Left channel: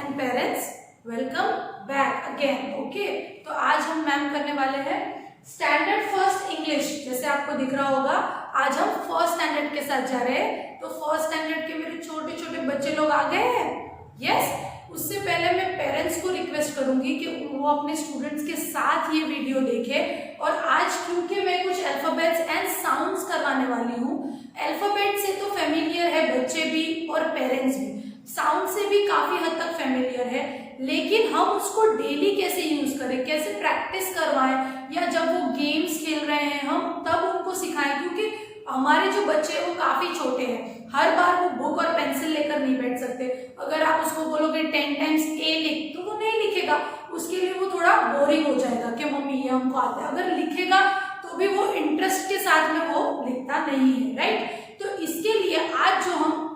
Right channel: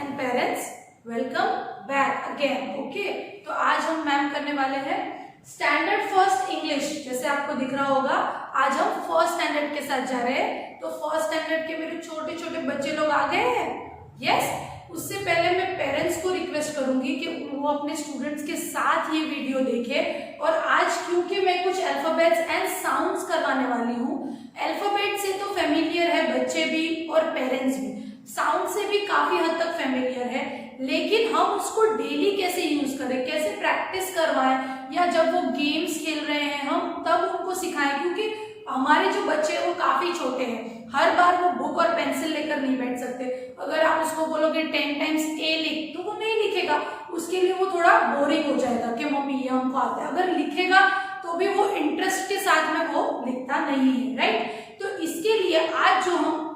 And parents, welcome back again. Okay, तो आज हम मैम करने वाले हैं स्टैंडर्ड फर्स्ट इंग्लिश। जैसे आपको दिख रहा होगा आज हम फर्स्ट स्टैंडर्ड के साथ जा रहे हैं। तो फर्स्ट स्टैंडर्ड के मेरे छोटे छोटे बच्चे लोग आ गए हैं। यस, उससे पहले मैं पेरेंट्स को रिक्वेस्ट करूंगी कि वो अपने स्टूडेंट्स के साथ ये वीडियो देखें। और आज क्योंकि मैं कुछ अल्फाबेट्स एंड साउंड्स करवाने वाली हूँ, अल्फाबेट से तो फेमिलियर है बच्चे भी और पेरेंट्स भी, साउंड से भी काफी हद तक फेमिलियर है, लेकिन हम उसको डेली कैसे यूज करें, कैसे प्रैक्टिस करवाएं, या जब वो गेम्स खेल रहे हैं हम तब उनको सिखाएं। क्योंकि हमारे जो बच्चे हैं वो काफी छोटे हैं, हर बार वो बुक और पेंसिल लेकर नहीं बैठ सकते। अगर आप उसको बोलोगे 10 टाइम्स ए लिख, तो वो नहीं लिखेगा, उसके लिए वो थोड़ा बोरिंग हो जाएगा कि मम्मी ये हमको आता है। अगर लिखेगा तो भी वो इंटरेस्ट के साथ में वो लिखता नहीं है, राइट। तो इसके लिए आज जो हम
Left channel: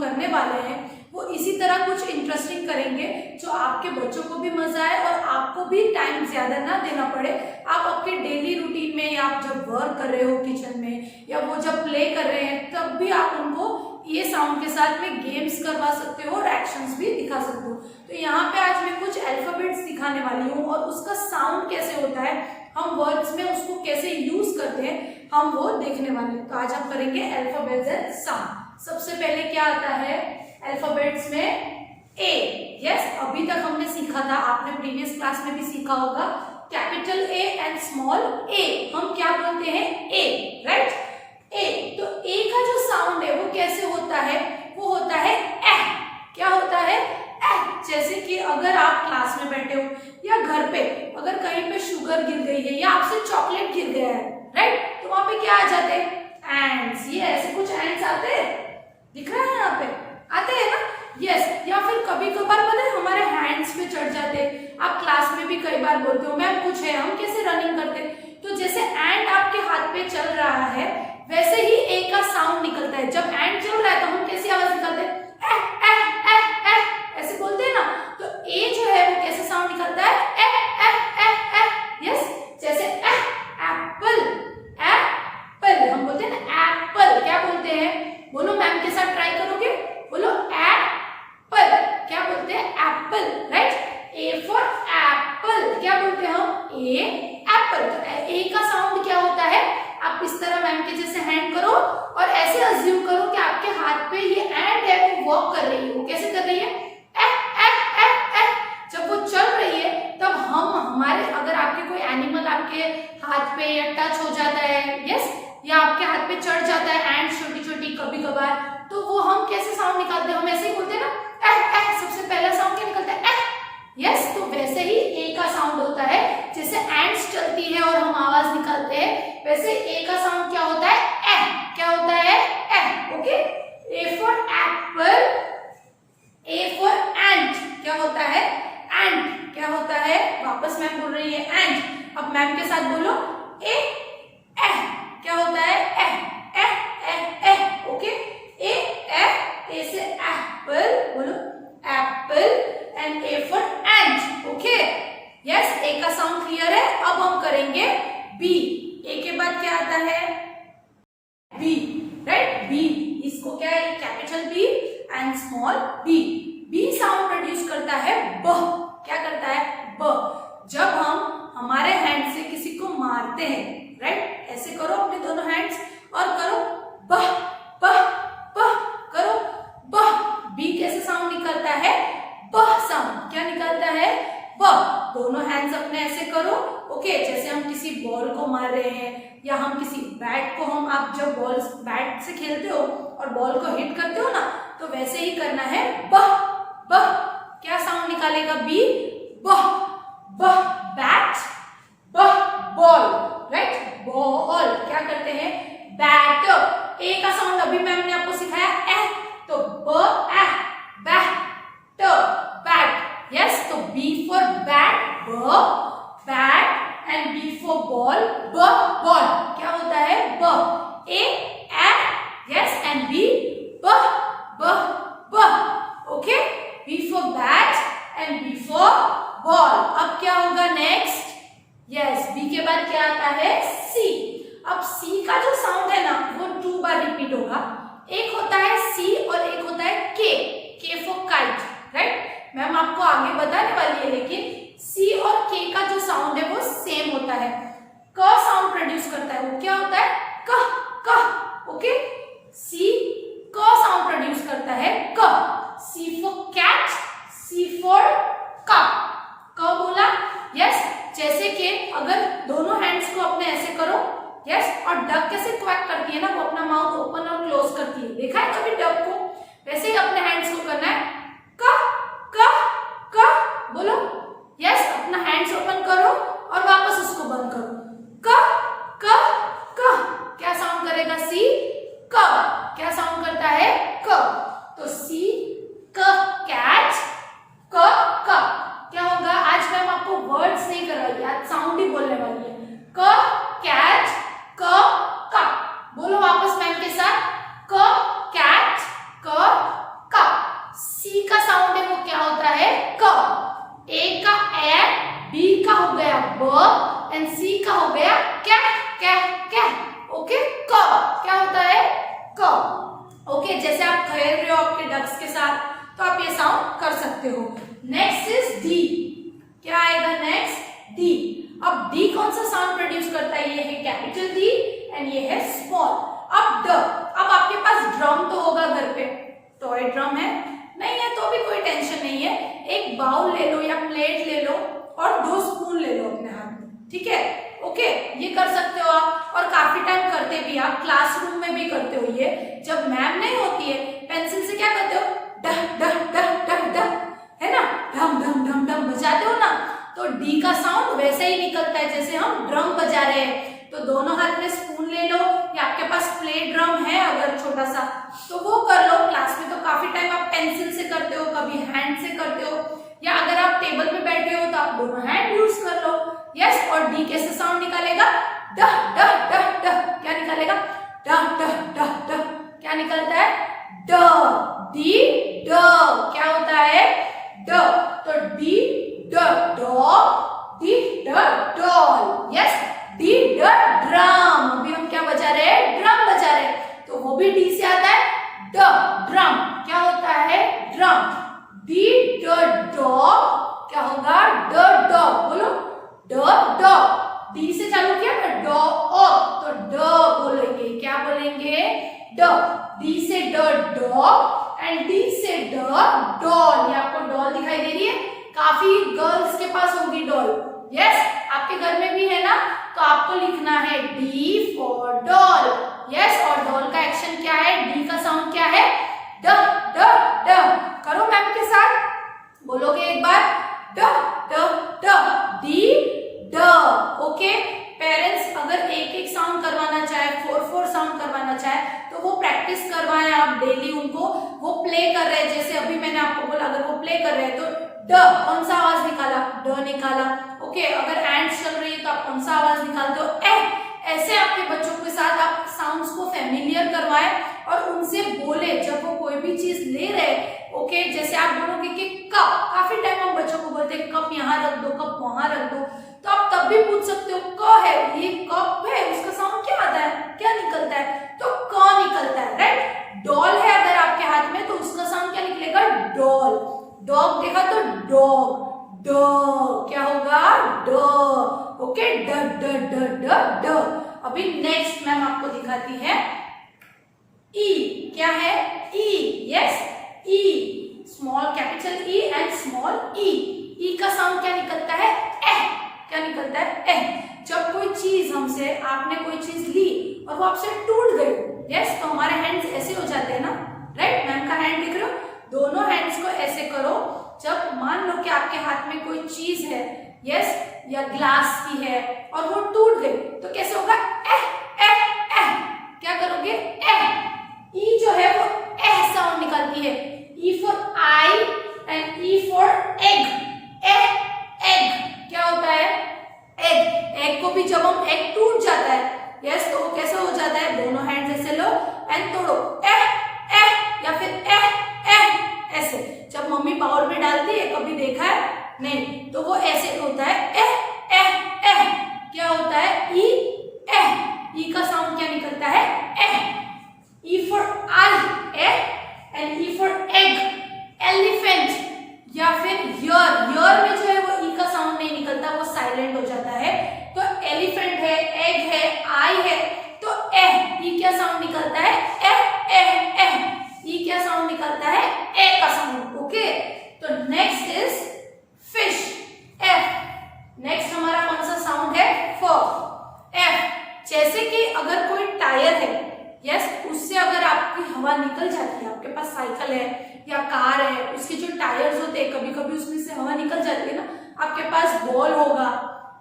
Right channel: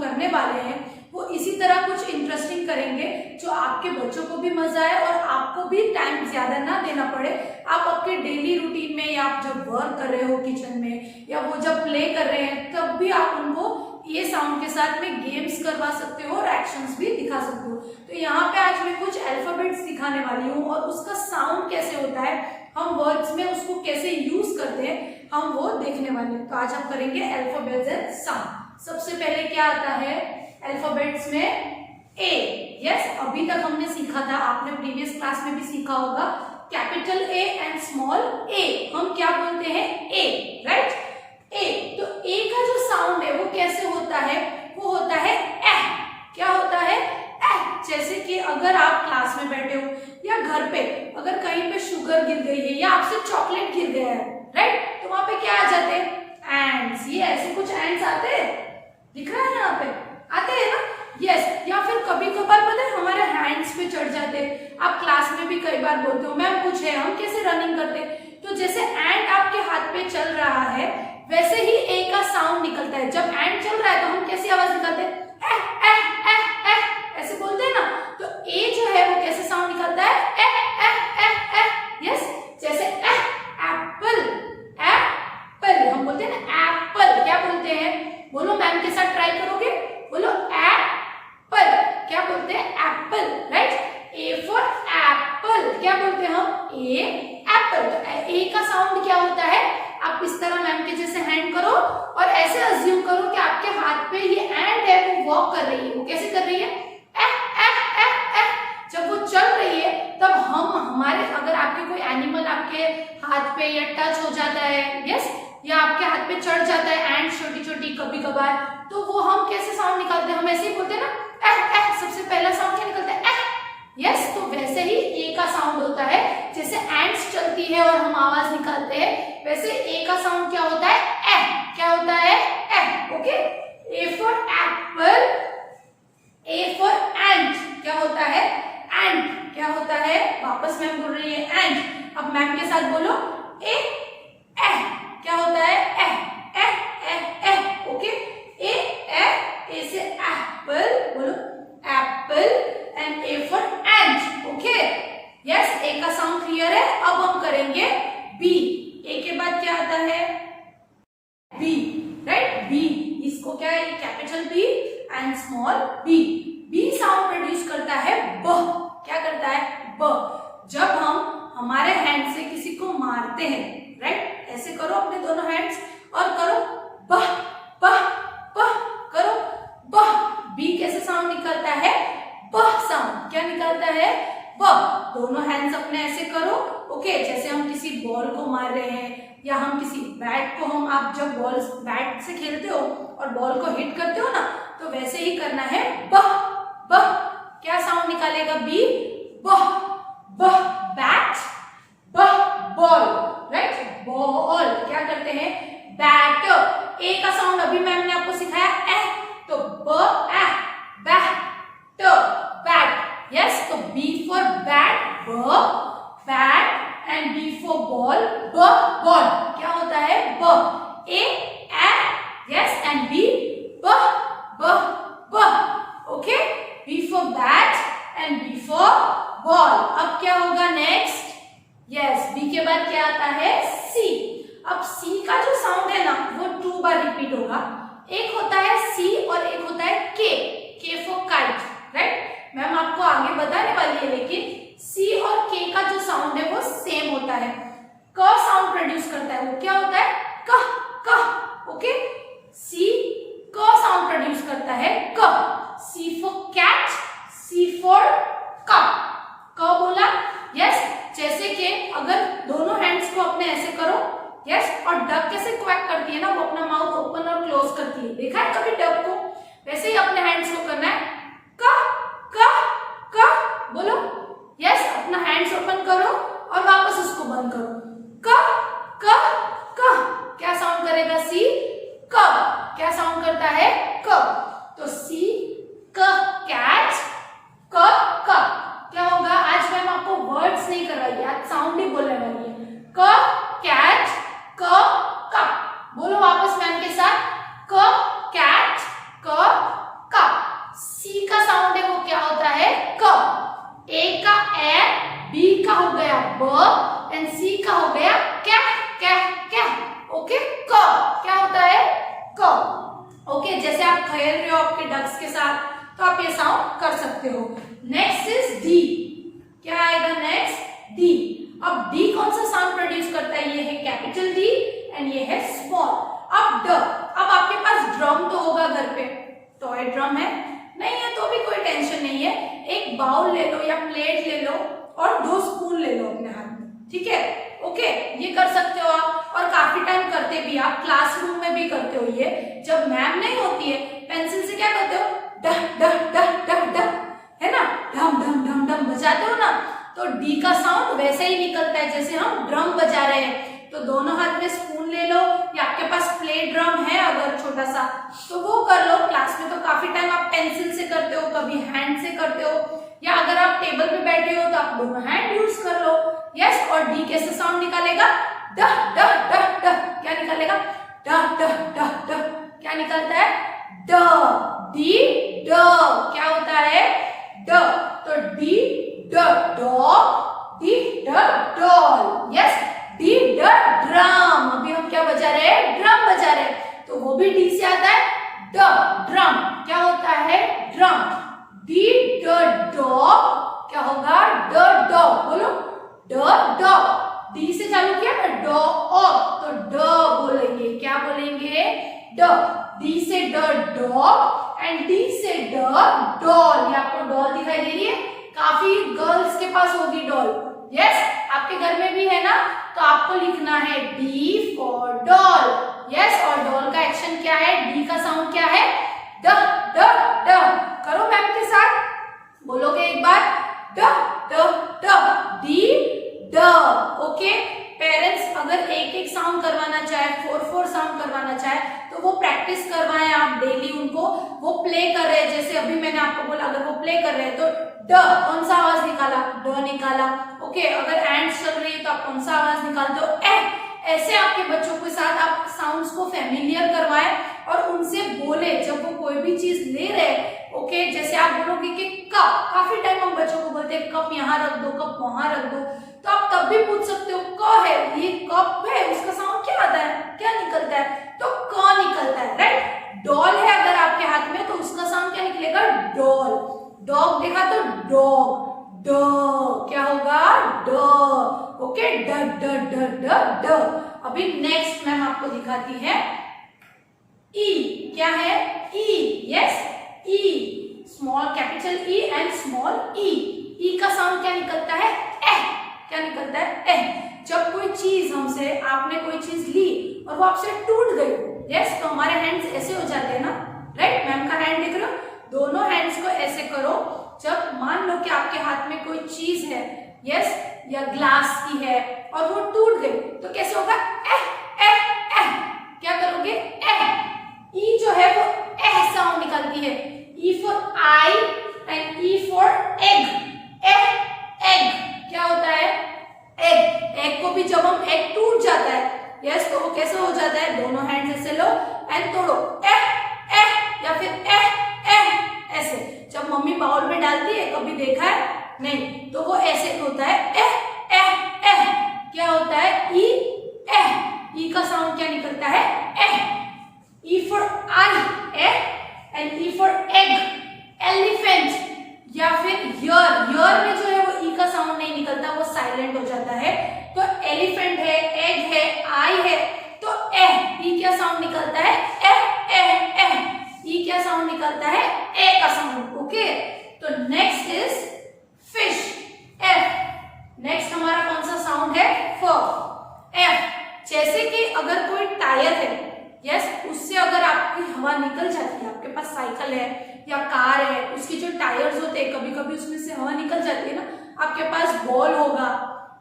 करने वाले हैं वो इसी तरह कुछ इंटरेस्टिंग करेंगे जो आपके बच्चों को भी मजा आए और आपको भी टाइम ज्यादा ना देना पड़े। आप अपने डेली रूटीन में, या आप जब वर्क कर रहे हो किचन में, या वो जब प्ले कर रहे हैं, तब भी आप उनको ये साउंड के साथ में गेम्स करवा सकते हो और एक्शंस भी दिखा सकते हो। तो यहाँ पे आज मैं कुछ अल्फाबेट्स दिखाने वाली हूँ और उसका साउंड कैसे होता है, हम वर्ड्स में उसको कैसे यूज करते हैं, हम वो देखने वाले हैं। तो आज हम करेंगे अल्फाबेट्स एंड साउंड। सबसे पहले क्या आता है अल्फाबेट्स में? ए। यस, अभी तक हमने सीखा था, आपने प्रीवियस क्लास में भी सीखा होगा, कैपिटल ए एंड स्मॉल ए। हम क्या बोलते हैं? ए, राइट। ए, तो ए का जो साउंड है वो कैसे होता है? वो होता है एह। क्या होता है? एह। जैसे कि अगर आप क्लास में बैठे हो या घर पे अगर कहीं पे शुगर गिर गई है या आपसे चॉकलेट गिर गया है, राइट, तो वहां पे क्या आ जाते हैं? एंड्स। ये ऐसे कुछ एंड्स आते हैं, दिख रहा है यहाँ पे, आते हैं ना? यस। या फिर कभी कभार पता है हमारे हैंड्स पे चढ़ जाते हैं। आप क्लास में भी कई बार बोलते हो मैम कुछ है, हम कैसे रनिंग करते हैं? तो जैसे एंड आपके हाथ पे चल रहा है वैसे ही ए का साउंड निकलता है। जब एंड चल रहा है तो हम कैसी आवाज निकालते हैं? एह एह एह एह, ऐसे बोलते हैं ना। तो ए जो है वो कैसे साउंड निकलता है? एह एह एह एह। यस, जैसे एप्पल, एप्पल हम बोलते हैं ना, एप्पल। क्या बोलते हैं? बोलो, मैम के साथ ट्राई करोगे, बोलो एप्पल। क्या बोलते हैं? Apple, right. A for Apple, क्या बोलते हैं हम? ए एप्पल। तो ए का साउंड क्या होता है? आप इस तरह मैम के जैसे हैंड करो और ऐसे अज्यूम करो कि आपके हाथ पे ये हैंड है, वो वॉक कर रही है। वो कैसे कर रही है? एह एह एह एह। जब वो चल रही है तब हमारे अगर आपके कोई एनिमल आपके हाथ पे या टच हो जाता है, यस, या आपके हाथ पे चढ़ जाता है एंड छोटी छोटी कभी कभार, तो वो हम कैसे साउंड निकालते हैं? हम ऐसे ही बोलते हैं ना, एह एह। सबसे पहला साउंड क्या निकलता है? एह। यस, तो वैसे ही ए का साउंड होता है। जैसे एंड्स चलती है और हम आवाज निकालते हैं, वैसे ए का साउंड क्या होता है? एह। क्या होता है? Eh. Okay. A for apple, A for ant. क्या होता है? एंट। क्या होता है? वापस मैम बोल रही है एंट। अब मैम के साथ बोलो, ए एह। क्या होता है? एह एह एह एह। ओके। ए एह, ए से एप्पल, बोलो apple, and A for ant. Okay. Yes, A का साउंड क्लियर है। अब हम करेंगे बी। ए के बाद क्या आता है? B, right. बी, इसको क्या है? Capital B and small B. B sound produce करता है ब। क्या करता है? ब। जब हम हमारे हैंड से किसी को मारते हैं, राइट, ऐसे करो अपने दोनों हैंड्स और करो बह बह बह, करो बह। बी कैसे साउंड निकलता है? बह साउंड। क्या निकलता है? बह। दोनों हैंड्स अपने ऐसे करो। ओके, जैसे हम किसी बॉल को मार रहे हैं या हम किसी बैट को, आप जब बॉल बैट से खेलते हो और बॉल को हिट करते हो ना, तो वैसे ही करना है बह बह। क्या साउंड निकालेगा बी? बह बह। बैट, बह बॉल, राइट। बॉल क्या करते हैं? बैट। ए का साउंड अभी मैम ने आपको सिखाया एह, तो ब एह, बैट, बैट। यस, तो बी फॉर बैट, ब, bat, and B for ball, ब, बॉल। क्या होता है? ब। ए एह, यस, एंड बी ब ब ब। Okay. B for bat and B for ball. अब क्या होगा नेक्स्ट? यस, बी के बाद क्या आता है? सी। अब सी का जो साउंड है ना वो 2 बार रिपीट होगा। एक होता है सी और एक होता है के। के फॉर काइट, राइट। अभी बताने वाली है, लेकिन सी और के का जो साउंड है वो सेम होता है। क साउंड प्रोड्यूस करता है, वो क्या होता है? क क। ओके, सी क साउंड प्रोड्यूस करता है, क। C for cat, C for cup. क बोला, यस। जैसे कि अगर दोनों हैंड्स को अपने ऐसे करो, यस, और डक कैसे क्वैक करती है ना, वो अपना माउथ ओपन और क्लोज करती है, देखा है कभी डक को? वैसे ही अपने हैंड्स को करना है, क क क बोलो, यस। अपना हैंड्स ओपन करो और वापस उसको बंद करो, क क क। क्या साउंड करेगा सी? क। क्या साउंड करता है? क। तो सी क कैट, क क। क्या होगा? आज मैम आपको वर्ड्स नहीं करवाएगी, आज साउंड ही बोलने वाली है। क कैट, क क। बोलो वापस मैम के साथ, क कैट, क क। सी का साउंड है वो क्या होता है? क। ए का ए, बी का हो गया ब, एंड सी का हो गया कै कै कै। ओके, क क्या होता है? क। ओके, जैसे आप खेल रहे हो आपके डक्स के साथ, तो आप ये साउंड कर सकते हो। Next is D. क्या आएगा नेक्स्ट? डी। अब डी कौन सा साउंड प्रोड्यूस करता है? ये है कैपिटल डी एंड ये है स्मॉल। अब ड। अब आपके पास ड्रम तो होगा घर पे, टॉय ड्रम है, नहीं है तो भी कोई टेंशन नहीं है। एक बाउल ले लो या प्लेट ले लो और 2 स्पून ले लो अपने हाथ में, ठीक है? ओके, ये कर सकते हो आप, और काफी टाइम करते भी, आप क्लासरूम में भी करते हो। ये जब मैम नहीं होती है, पेंसिल से क्या करते हो? डह डह डह डह डह, है ना, ढम ढम ढम ढम बजाते हो ना, तो डी का साउंड वैसे ही निकलता है जैसे हम ड्रम बजा रहे हैं। तो दोनों हाथ में स्पून ले लो, या आपके पास प्ले ड्रम है अगर छोटा सा, तो वो कर लो। क्लास में तो काफी टाइम आप पेंसिल से करते हो, कभी हैंड से करते हो, या अगर आप टेबल पे बैठे हो तो आप दोनों हैंड यूज कर लो, यस। और डी कैसे साउंड निकालेगा? डह डह डह डह। क्या निकालेगा? डह डह डह डह। क्या निकलता है? ड। डी ड। क्या होता है? ड। तो डी ड डॉग, डी ड डॉल, यस। डी ड ड्रम। अभी हम क्या बजा रहे हैं? ड्रम बजा रहे हैं, तो वो भी डी से आता है, ड ड्रम। क्या होता है? ड्रम। डी ड डॉग, क्या होगा? ड डॉग। बोलो, ड डॉग। डी से चालू किया ना, डॉ तो ड बोलेंगे। क्या बोलेंगे? ड। डी से ड डॉग एंड डी से ड डॉल। ये आपको डॉल दिखाई दे रही है, काफी गर्ल्स के पास होगी डॉल, यस। आपके घर में भी है ना, तो आपको लिखना है डी फॉर डॉल, यस। और डॉल का एक्शन क्या है? डी का साउंड क्या है? ड ड ड। करो मैम के साथ, बोलोगे एक बार, ड ड ड, डी ड। ओके, पेरेंट्स अगर एक एक साउंड करवाना चाहे, 4 साउंड करवाना चाहे, तो वो प्रैक्टिस करवाएं आप डेली उनको। वो प्ले कर रहे हैं, जैसे अभी मैंने आपको बोला, अगर वो प्ले कर रहे हैं तो ड कौन सा आवाज निकाला? ड निकाला। ओके, अगर एंड्स चल रही है तो आप कौन सा आवाज निकालते हो? ए। ऐसे आपके बच्चों के साथ आप साउंड्स को फेमिलियर करवाएं और उनसे बोले जब वो कोई भी चीज ले रहे। ओके, जैसे आप बोलोगे कि कप, काफी टाइम हम बच्चों को बोलते हैं कप यहाँ रख दो, कप वहां रख दो, तो आप तब भी पूछ सकते हो क है, ये कप है, उसका साउंड क्या आता है? क्या निकलता है? तो क निकलता है, राइट। डॉल है अगर आपके हाथ में, तो उसका साउंड क्या निकलेगा? डॉल। डॉग देखा तो डॉग, ड। क्या होगा? ड। ओके, ड ड ड ड ड। अभी नेक्स्ट मैम आपको दिखाती है ई। क्या है? E, yes, E. Small capital E and small E. E का साउंड क्या निकलता है? एह। क्या निकलता है? एह। जब कोई चीज हमसे, आपने कोई चीज ली और वो आपसे टूट गई, यस, तो हमारे हैंड्स ऐसे हो जाते हैं ना, राइट। मैम का हैंड दिख रहे हो? दोनों हैंड्स को ऐसे करो। जब मान लो कि आपके हाथ में कोई चीज है, यस, या ग्लास की है और वो टूट गई, तो कैसे होगा? एह एह एह। क्या करोगे? एह। ई जो है वो एह साउंड निकालती है। E for I and E for egg. एह एग। क्या होता है? एग। एग को भी जब हम एग टूट जाता है, यस, तो वो कैसे हो जाता है? दोनों हैंड ऐसे लो एंड तोड़ो, एह एह, या फिर एह एह, ऐसे। जब मम्मी बाउल में डालती है, कभी देखा है? नहीं, तो वो ऐसे होता है, एह एह एह। क्या होता है? ई एह। ई का साउंड क्या निकलता है? एह। ई फॉर आई, एह, and E for egg, elephant, या फिर यर। एलिफेंट है, एग है, आई है, तो ई क्या साउंड निकलता है? ई क्या साउंड निकलता है? ए का साउंड। ओके, तो next is fish, F. Next हमारा कौन सा साउंड है? फ, एफ। जैसे कि अगर कोई टायर है, यस, उससे अगर आपकी हवा निकल जाती है, आपके पास साइकिल है या कार है, उसके जो टायर्स होते हैं कभी कभी उसमें से हवा निकल जाती है ना, आपके पास बॉल होगा,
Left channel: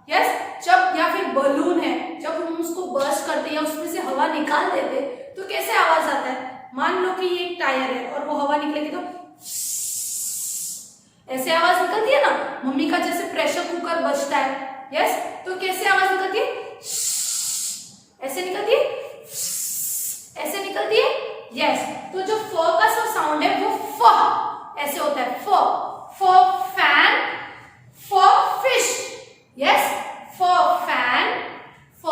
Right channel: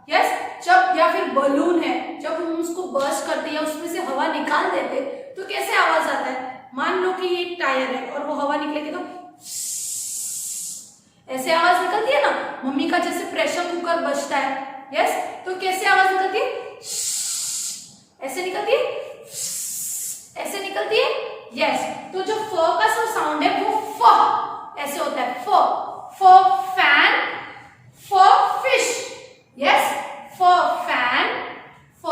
यस, जब, या फिर बलून है, जब हम उसको बर्स्ट करते हैं या उसमें से हवा निकाल देते तो कैसे आवाज आता है? मान लो कि ये एक टायर है और वो हवा निकलेगी तो ऐसे आवाज निकलती है ना, मम्मी का जैसे प्रेशर कुकर बजता है, यस, तो कैसे आवाज निकलती है? ऐसे निकलती है, ऐसे निकलती है, यस। तो जो फ का साउंड है वो फ ऐसे होता है, फ फैन, फ फिश, यस, फ फैन, फ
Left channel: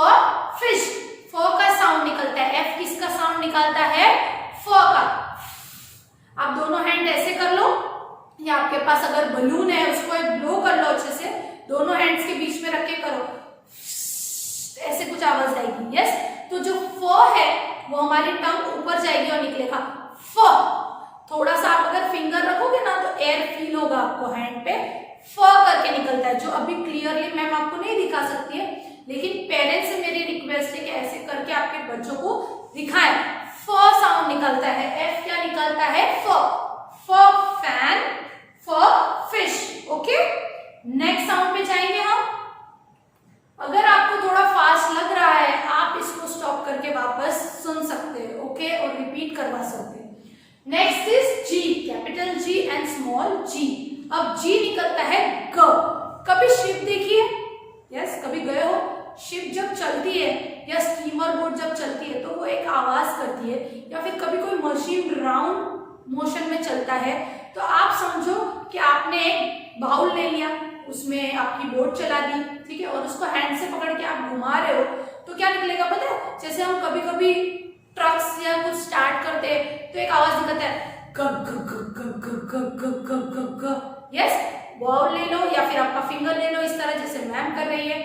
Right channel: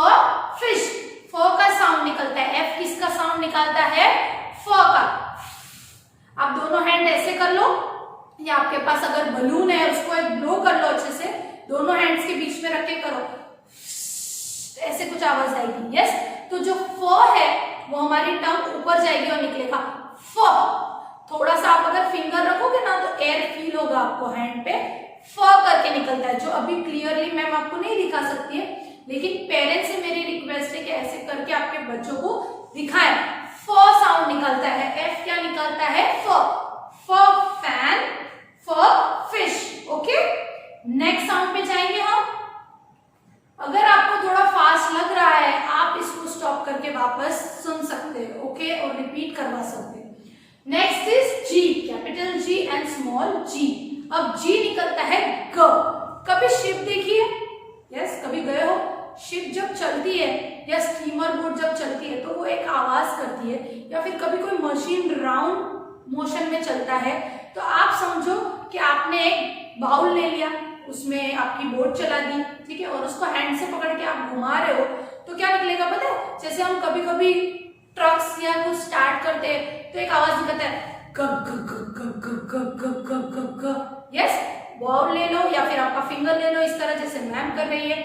फिश। फ का साउंड निकलता है, एफ किसका साउंड निकालता है? फ का। आप दोनों हैंड ऐसे कर लो, या आपके पास अगर बलून है उसको एक ब्लो कर लो अच्छे से, दोनों हैंड्स के बीच में रख के करो, ऐसे कुछ आवाज आएगी, यस। तो जो फ है वो हमारी टंग ऊपर जाएगी और निकलेगा फ। थोड़ा सा आप अगर फिंगर रखोगे ना तो एयर फील होगा आपको हैंड पे, फ करके निकलता है, जो अभी क्लियरली मैम आपको नहीं दिखा सकती है, लेकिन पेरेंट्स से मेरी रिक्वेस्ट है कि ऐसे करके आपके बच्चों को दिखाएं। फ साउंड निकलता है, एफ क्या निकलता है? फ फैन, फ फिश। ओके, नेक्स्ट साउंड पे जाएंगे हम। अगर आपको थोड़ा फास्ट लग रहा है आप इसको स्टॉप करके वापस सुन सकते हैं, ओके, और रिपीट करवा सकते हैं। Next is G, capital G and small G. अब जी निकलता है ग। कभी शिप देखी है? यस, कभी गए हो? शिप जब चलती है या स्टीमर बोट जब चलती है तो वो एक आवाज करती है, या फिर कभी कोई मशीन राउंड मोशन में चलता है, तो आप समझो कि आपने एक बाउल ले लिया, उसमें आपकी बोट चला दी, ठीक है, और उसको हैंड से पकड़ के आप घुमा रहे हो, तो क्या निकलेगा पता है? जैसे हम कभी कभी ट्रक्स या कुछ स्टार्ट करते हैं तो एक आवाज निकलता है ग ग ग ग ग ग ग ग ग। यस, बाउल ले लो या फिर आपका फिंगर ले लो, इस तरह जैसे मैम कर रही है,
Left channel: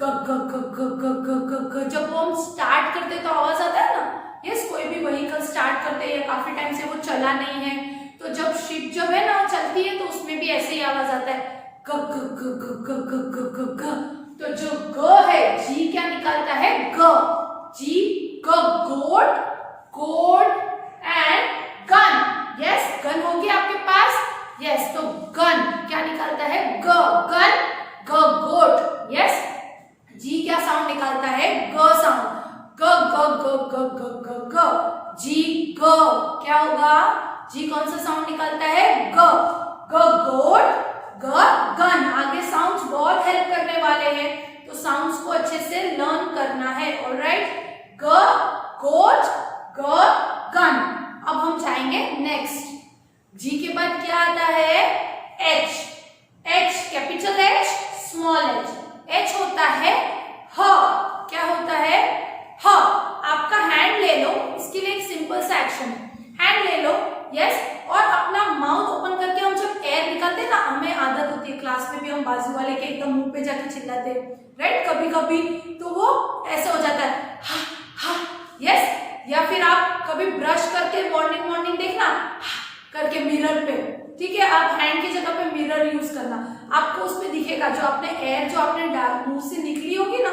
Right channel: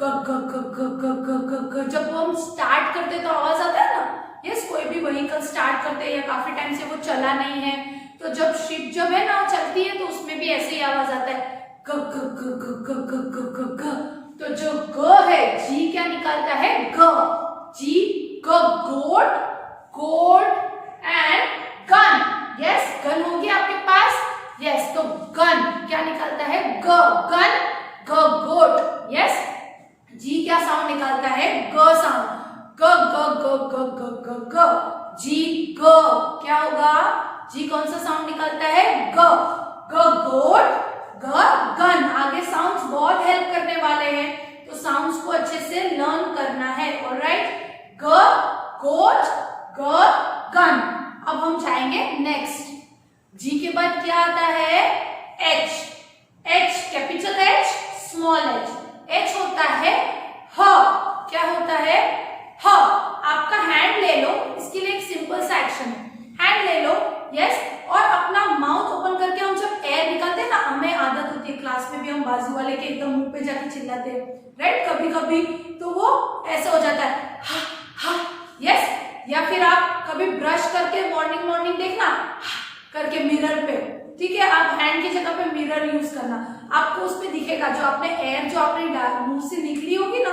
ग ग ग ग ग ग ग ग। जब वो हम स्टार्ट करते तो आवाज आता है ना। यस, कोई भी व्हीकल स्टार्ट करते हैं या काफी टाइम से वो चला नहीं है, तो जब शिप जब है ना चलती है तो उसमें भी ऐसे ही आवाज आता है ग ग ग ग ग ग ग ग ग। तो जो ग है, जी क्या निकालता है? ग। जी ग, goat, goat and gun. Yes, gun होगी आपके पास। यस, तो गन क्या निकालता है? ग, गन, ग, गोट। यस, जी क्या साउंड निकालता है? ग साउंड। ग ग ग ग ग ग ग। जी ग क्या होगा? जी कौन सा साउंड निकालता है? ग। ग गोट, ग गन। आगे साउंड्स बहुत हेल्प करने वाले हैं, तो साउंड्स को अच्छे से लर्न करना है। ऑलराइट, ग गोट, ग गन। अब हम जाएंगे नेक्स्ट। जी के बाद क्या आता है? H. H, capital H, small H. H होता है ह। क्या होता है? ह। आपका हैंड ले लो, इसके लिए एक सिंपल सा एक्शन है। हैंड ले लो, यस, और अपना माउथ ओपन करके हम जब एयर निकालते हैं ना, हमें आदत होती है, क्लास में भी हम बाजू वाले के एकदम मुंह पे जाके चिल्लाते हैं, राइट, कभी कभी तो वो ऐसे हो जाता है हा हा। यस, या फिर आप कभी ब्रश करके मॉर्निंग मॉर्निंग देखना करके मिरर पे, ठीक है, आप हैंड की जगह पे मिरर यूज करना, आपको उसमें दिखेगा जो आपने एयर जो आपने मुंह से निकली होगी ना,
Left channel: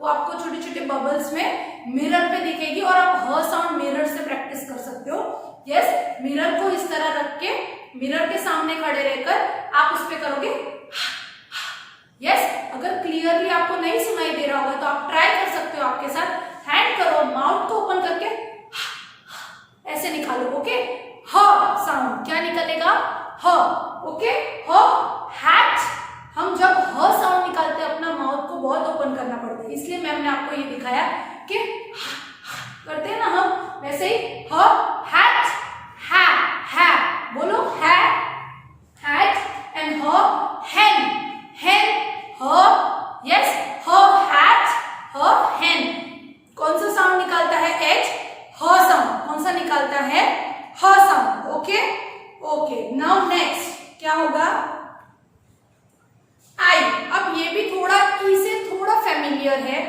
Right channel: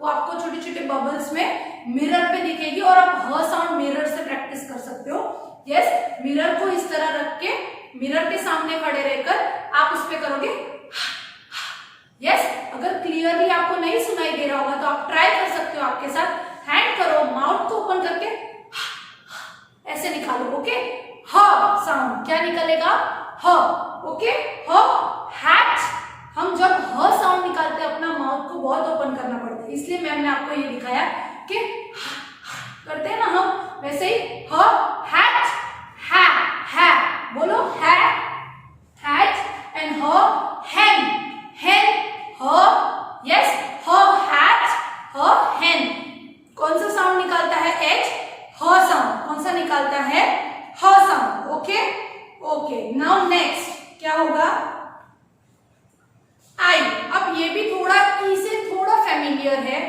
वो आपको छोटे छोटे बबल्स में मिरर पे दिखेगी, और आप ह साउंड मिरर से प्रैक्टिस कर सकते हो। यस, मिरर को इस तरह रख के मिरर के सामने खड़े रहकर आप उस पे करोगे। यस, अगर क्लियरली आपको नहीं सुनाई दे रहा होगा तो आप ट्राई कर सकते हो आपके साथ। हैंड करो, माउथ को ओपन करके ऐसे निकालो। ओके, ह साउंड क्या निकलेगा? ह। ओके, ह हैट। हम जब ह साउंड निकालते हैं अपना माउथ को बहुत ओपन करना पड़ता है, इसलिए मैम ने आपको ये दिखाया कि करते हैं ना हम, वैसे ही ह हैट, है बोलो, है हैट एंड ह हैन, हैन ह। यस, ह हैट, ह हैन। कौन सा साउंड निकालता है? एच, ह साउंड। कौन सा निकालता है? ह sound. Okay okay, now next क्या होगा? आई। अब ये भी थोड़ा ई से थोड़ा फैमिलियर है,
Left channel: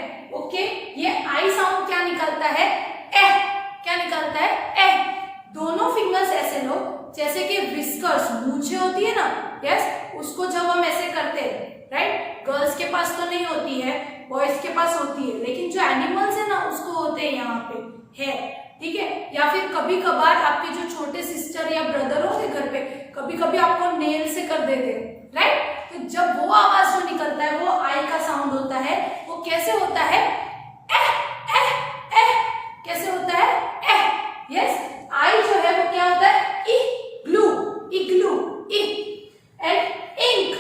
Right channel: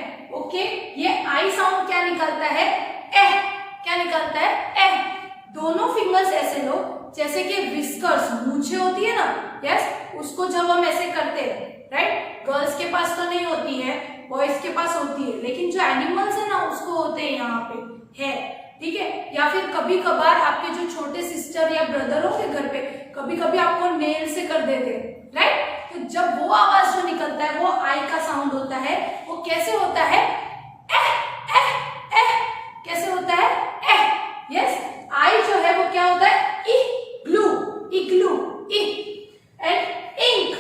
ओके। ये आई साउंड क्या निकलता है, ए, क्या निकलता है, ए। दोनों फिंगर्स ऐसे लो जैसे कि विस्कर्स, मूछे होती है ना, यस, उसको जब हम ऐसे करते हैं, राइट, गर्ल्स के पास तो नहीं होती है, बॉयज के पास होती है, लेकिन जो एनिमल्स है ना उसको होते हैं यहाँ पे है, ठीक है। या फिर कभी कभार आपके जो छोटे सिस्टर या ब्रदर हो घर पे, कभी कभी आपको नेल से कर देते हैं, राइट। तो जब वो आवाज जो निकलता है वो आई का साउंड होता है। वो कैसे होता है, ए, ए, ए, कैसे होता है, ए, यस। आई जो है वो क्या होता है, इग्लू, इग्लू, इ, एंड इंक,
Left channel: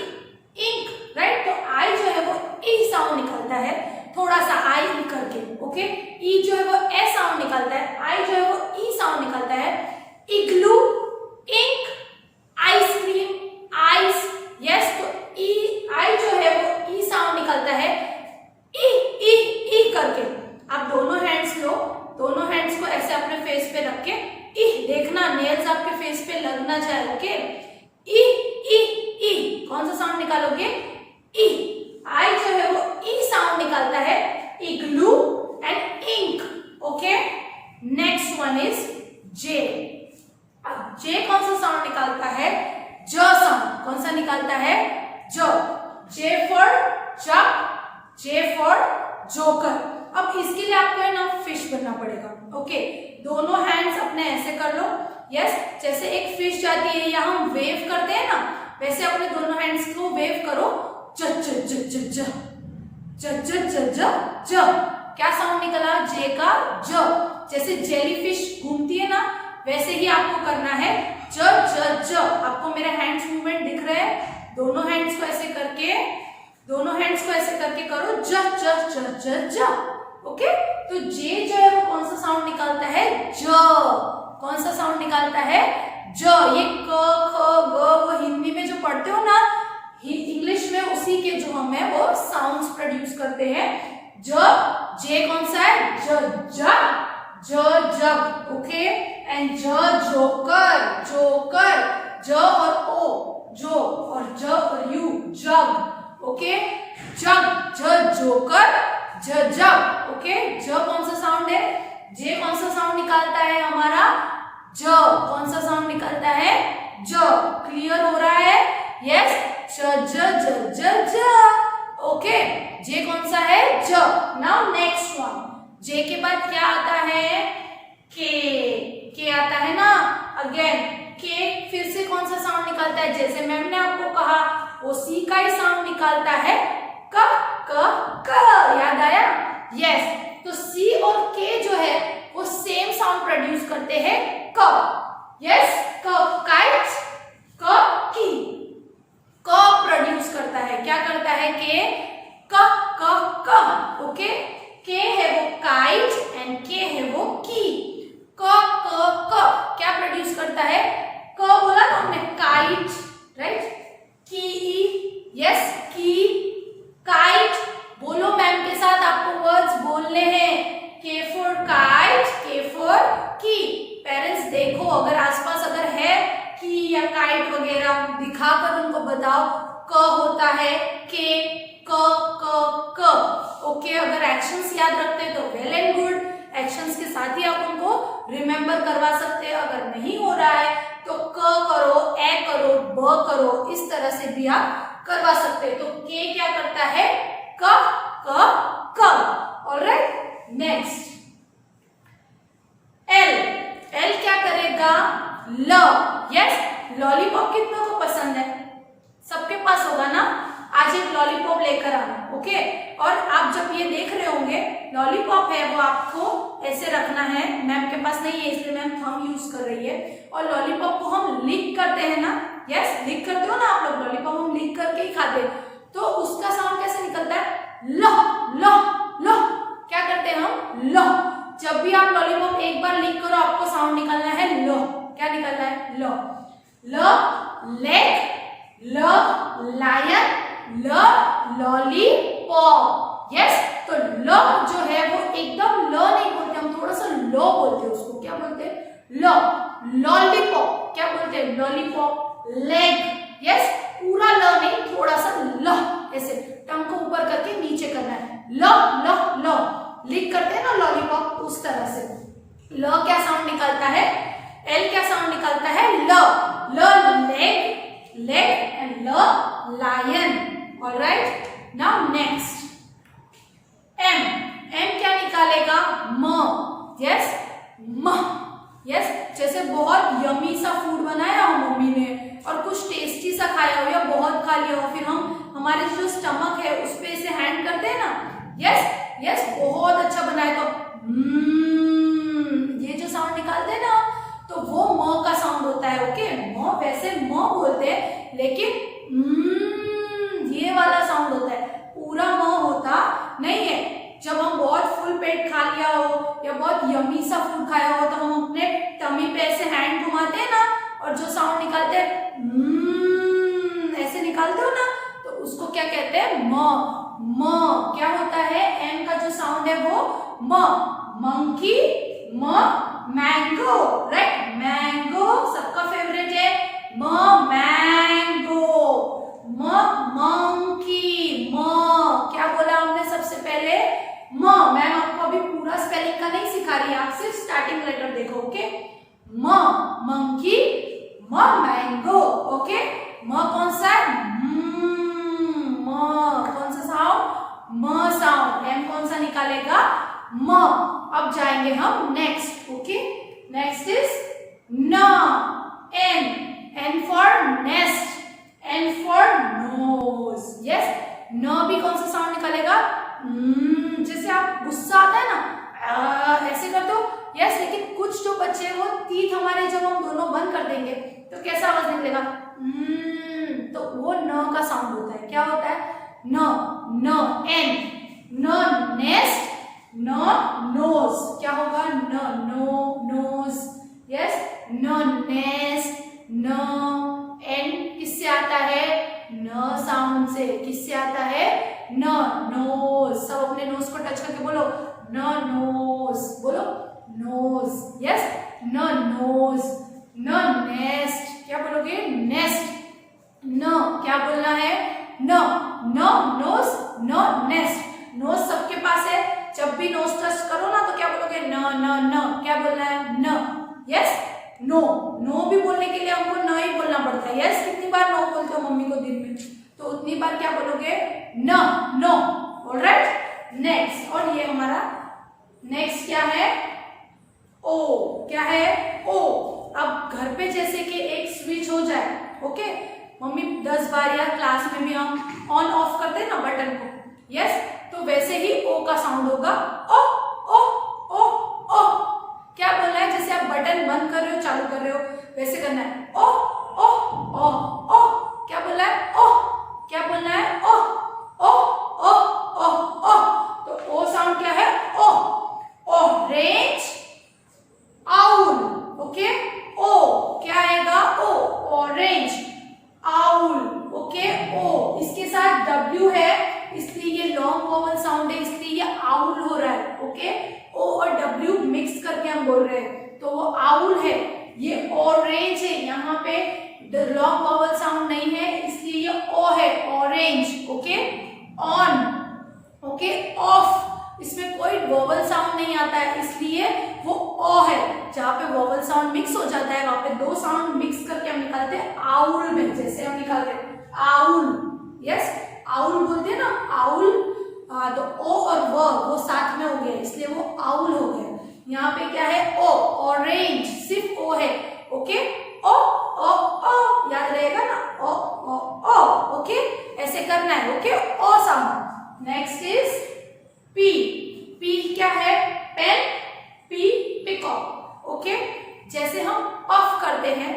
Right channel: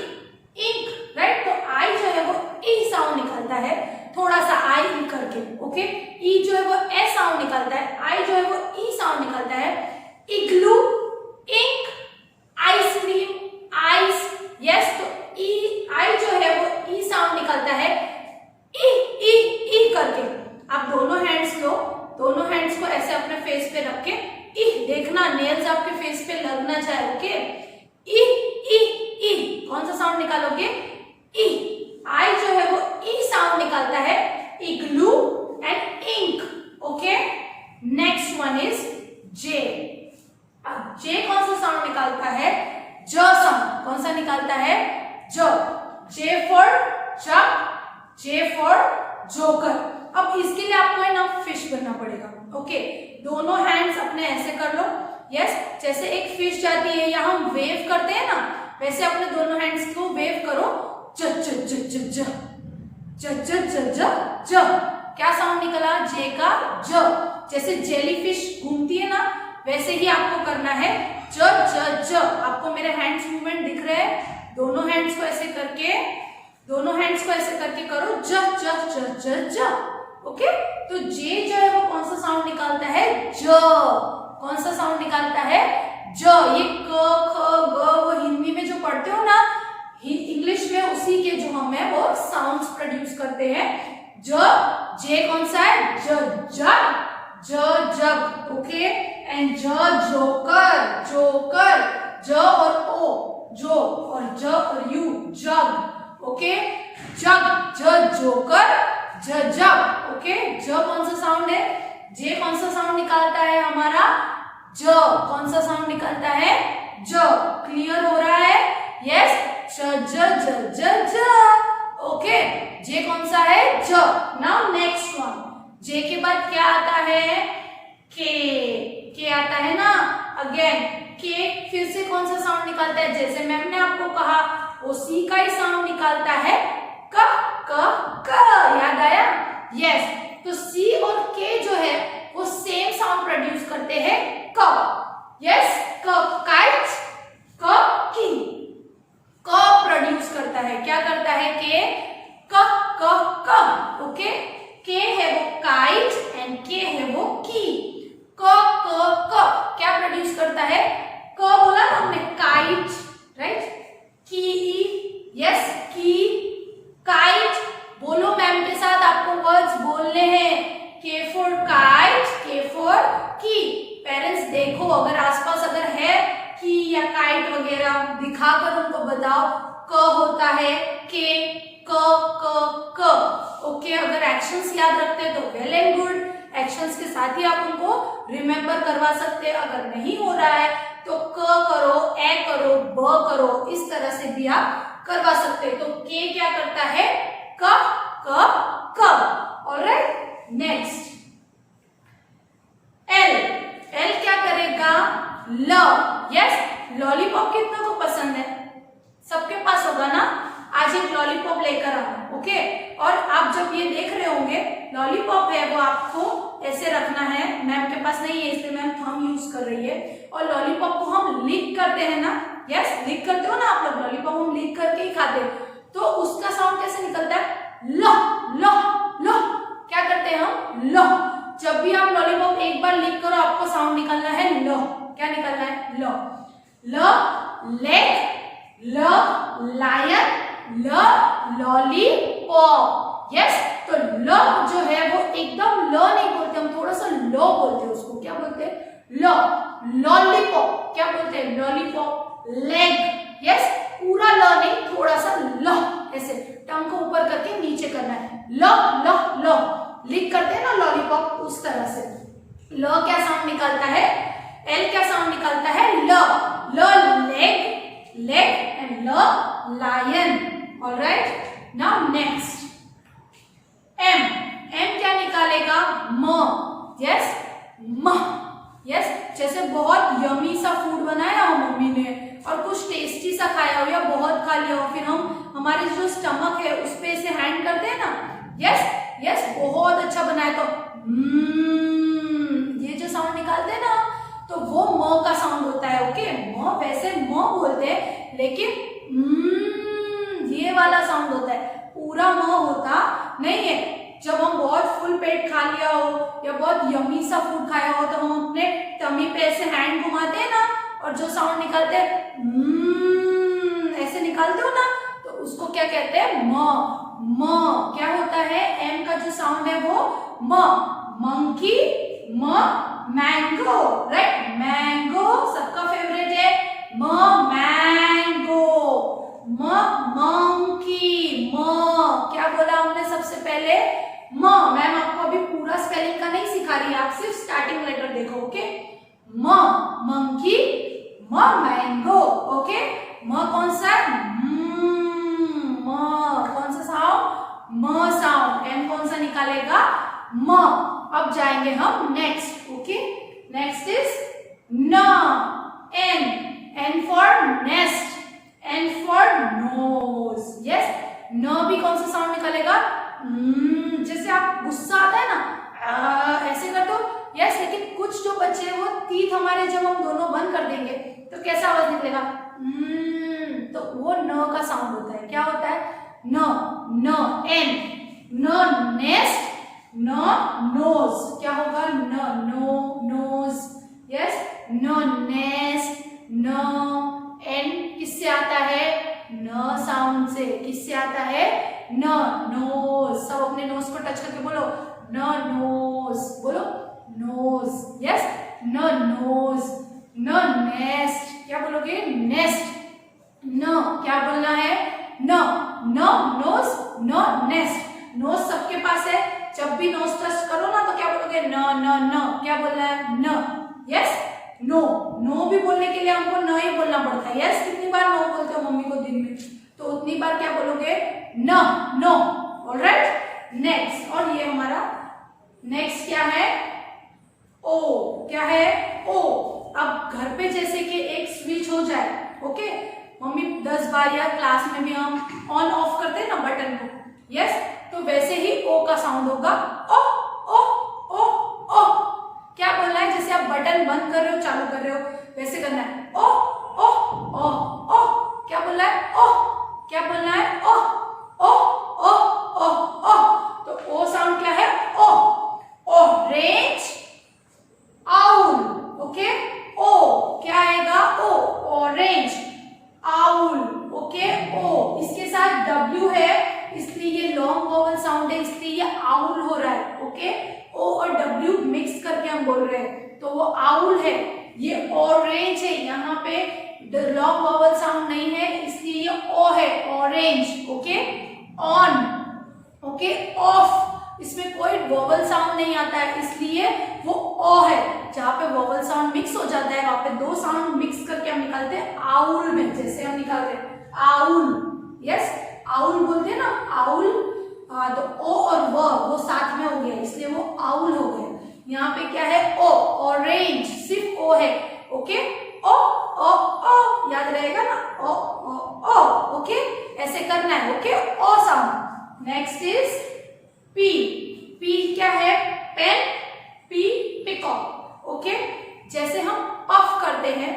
इंक, राइट। तो आई जो है वो ई साउंड निकलता है, थोड़ा सा आई करके, ओके। ई जो है वो ए साउंड निकलता है, आई जो है वो ई साउंड निकलता है। इग्लू, इंक, आइसक्रीम, आइस, यस। तो ई, आई जो है वो ई साउंड निकलता है, ई, ई, ई करके। आप दोनों हैंड्स लो, दोनों हैंड्स को ऐसे अपने फेस पे रख के, ई, देखना नेल्स आपके फेस पे लगना चाहिए, ओके। ई, ई, ई, कौन सा साउंड निकालोगे, ई। आई जो है वो ई साउंड निकालता है, igloo and ink, okay. Next one is J. अब जे कौन सा साउंड निकालता है, ज साउंड। कौन सा निकालता है, ज। J for jug, J for joker. अब इसके लिए आपको है ना फिश बनना पड़ेगा, ओके। दोनों हैंड्स अपने ऐसे कर लो, यस, जैसे एक फिश जाती है या हम वेव करते हैं ना, वैसे अपने दोनों हैंड्स को वेव करो, ज ज ज ज ज ज ज ज ज ज। क्या साउंड निकला, जे का ज। जैसे जेलीफिश घूमती है ना, वैसे ही आपको करना है, ज ज ज। आपको मेरे हैंड्स मूवमेंट दिख रहे हैं, दोनों हैंड्स को ऐसे करके, दोनों हैंड्स को ऐसे करके करो, ज ज ज ज ज, ओके। तो जे जो है वो कौन सा साउंड निकालता है, ज। कौन सा साउंड निकालता है, ज। ये क, ख, ग वो हिंदी में जो पढ़ते हो ना, इंग्लिश में उसी के जो हम है वो साउंड्स प्रोड्यूस करते हैं, ज। जे कौन सा है, ज, जग, ज जग, ओके। एंड ज जोकर, जोकर, ज और ओ, जो, और ज और यू, जग, ओके। जग, ज जोकर, ज जग, ओके। ज कौन सा साउंड है, जे कौन सा साउंड निकालता है हमारा, ज। कौन सा साउंड निकालता है, ज। क्लियर हो रहा है, यस। ज ज ज ज ज, ओके। जे कौन सा है, ज। नाउ नेक्स्ट वन, जे के बाद क्या आता है, के आता है ना, अगेन के फिर से कौन सा साउंड निकालता है, जैसे मैम ने आपको कहा वो सी का ही साउंड निकालता है, क, क, याद आया, यस। तो सी और के जो है वो सेम साउंड प्रोड्यूस करते हैं, क, यस। क, काइट, क, की, क प्रोड्यूस करता है, क्या करता है, के, क, क, ओके। के है वो काइट एंड के है वो की। क, क क्या प्रोड्यूस करता है, क बोला ना हमने, काइट, राइट, की, यस, की, काइट। बोलो मैम के साथ, आपको वर्ड्स बोलने हैं, के फॉर काइट, के फॉर की। पेरेंट्स देखो, अगर आसपास अगर है की या काइट वगैरह, दिखाकर उनको बताओ, क होता है के, क, ओके। अगर एक्शंस याद रखते हैं तो वेल एंड गुड, एक्शंस के साथ ही आप उनको रिमेम्बर करवा सकते हैं। अगर नहीं हो रहा है तो क करो, ए करो, ब करो, इस तरह से भी आप करवा सकते हैं। तो के क्या करता है, क, ऑलराइट। नेक्स्ट एल, एल क्या करेगा, ल, यस। लॉलीपॉप कितना को पसंद है, सबके पास होगा ना। आज एक लॉलीपॉप लेकर आना, ओके। और आप जब ये देख रहे होंगे, लॉलीपॉप है वो आपको ऐसे रखना है, मैम के पास नहीं है इसलिए मैम थंब यूज कर रही है। और लॉलीपॉप को हम लिक करते हैं ना, यस, लिक करते हो ना आप लोग, लॉलीपॉप हम लिक करके ही खाते हैं। तो उसका साउंड कैसे निकलता है, लो, लो, लो। क्या करते हैं हम, लो। जब भी आप लॉलीपॉप एक बार लिक करो, आपको साउंड निकालना है लो। क्या निकलना है, लो। ल, लेग, ल, लायन, ल, लॉलीपॉप, यस। तो ल जो है वो एकदम ल नहीं बोलते, हम थोड़ा सा लो बोलते हैं उसको। क्या बोलते हैं, लो। लॉलीपॉप क्या बोलते हैं, लॉलीपॉप। लेग, यस, पूरा ल नहीं, थोड़ा सा ल, ऐसे टंग को ऊपर करके नीचे करना है, लो, लो, लो। लिक करते हैं ना लॉलीपॉप, उस तरह से। ल क्या साउंड निकलता है, एल क्या साउंड निकलता है, ल। ल लेग, लेग एंड ल lion. Alright, now next M. M क्या निकालेगा, म। यस, म। यस, जैसे बहुत यमी सा फूड बनाया हो मम्मी ने और कुछ टेस्टी सा खाया हो या बहुत खा लिया हो, फिर हम हमारे जो स्टमक है उस पे ऐसे हैंड करते हैं ना, यस यस, बहुत अच्छा बनाए तो ये जो साउंड निकालते हैं ना, तो वो म का साउंड होता है। ओके, म वैसे म बोलते हैं लेकिन ये वाला साउंड होता है, पूरा म होता नहीं है। जब हम बहुत फुल पेट खा लिया हो या बहुत यमी सा फूड खाया हो तो हम अपने टमी पे ऐसे हैंड घुमाते हैं ना और जो साउंड निकालते हैं ऐसे निकालते हो ना, तो उसको क्या कहते हैं, म। म क्या होता है, एम का जो साउंड है वो म। मंकी, म। मैंगो, राइट, मैंगो सबका फेवरेट है, म मैंगो। म मंकी, म क्या बोला हमने सबसे पहले, म। मैम आपको अभी पूरा स्पेलिंग का नहीं सिखा रही, आप सिर्फ स्टार्टिंग लेटर देखो। ओके, म मंकी, म मैंगो। ओके, म कौन सा है, म कौन सा साउंड, म साउंड। एम कौन सा निकालेगा, म। अब जाएंगे हम नेक्स्ट। ओके, नेक्स्ट इज न। N, N for nest, N for nose. Yes, न भी कौन सा साउंड निकालेगा, जैसे आप गुस्सा आता है ना ऐसे करते हो, यस। लेकिन कुछ जो बच्चे हैं वो तीत हमारे जब हम दोनों बंद कर देंगे तो कैसा आवाज निकलेगा, तो वो न का साउंड होता है। क्या होता है, न। न एन, न नेस्ट, न नोज। क्या होगा, न नो नोज, यस, न नेस्ट, न। एन किससे आता है, न साउंड से। किससे आता है, न, नोज। सब अपने नोज को टच करके बोलो, न नोज, बोलो नोज, यस, न नोज। न नेस्ट, क्या बोलोगे, नेस्ट। न क्या बोलना है, न, न नोज, न नेस्ट। नोज सबके पास है, जब भी नोज टच करो ना तो क्या बोलोगे, न न न। क्या बोलना है, न, यस। नो, नो भी बोलने के लिए हमको न ही बोलना पड़ता है। यस, कितनी बार नो बोलते हो मम्मी को दिन में, तो उतनी बार क्या बोलोगे, न, नो। Alright, next. और ये हमारा नेक्स्ट क्या है, ओ। क्या है, ओ। अब घर पे जैसे कि एक स्विच हो जाए, ओके, मम्मी 10 बार या क्लास में भी हम ऑन ऑफ करते हैं ना बटन को, यस, तो वैसे ही ओ का साउंड होगा, ओ ओ ओ ओ। क्या बोलना है, जैसे आप बटन बंद कर रहे हो चालू कर रहे हो वैसे करना है, ओ ओ ओ ओ। क्या बोलना है, ओ। क्या बोलना है, ओ ओ ओ ओ ओ। तो ओ साउंड क्या है, O. Orange, owl. Okay, O क्या आएगा, O, orange, owl. Okay, O इसके साथ डब्ल्यू है इसलिए ये लॉन्ग वोवल साउंड है, इसलिए ये आउल हो रहा है। ओके, ओ और डब्ल्यू मिक्स करके हम बोल रहे हैं तो वो आउल है। ये ऑरेंज है, यहाँ पे लॉन्ग वोवल साउंड नहीं है इसलिए ये ओ है, orange. Okay, on. Okay, of, इसमें कोई वोवल साउंड नहीं आता है इसलिए वो ओ है। जहाँ पे वोवल साउंड मिक्स हो जाता है वहां पे दो साउंड मिक्स करके हम निकालते हैं आउल में। जैसे हम निकालते हैं आउल, यस, आउल बोलते हैं ना, आउल। तो ओ और वो साथ में हो गया इसलिए वो आउल हो गया। यहाँ पे क्या है, ओ, ऑरेंज, सिर्फ ओ है। ओके, ओ ओ ओ, याद रहेगा ना, ओ ओ ओ। ओके, ऐसे करना है। Okay, O sound. Next is P. P क्या है, पेन, पी पिकॉक। ओके, जैसे हम पफ करते हैं,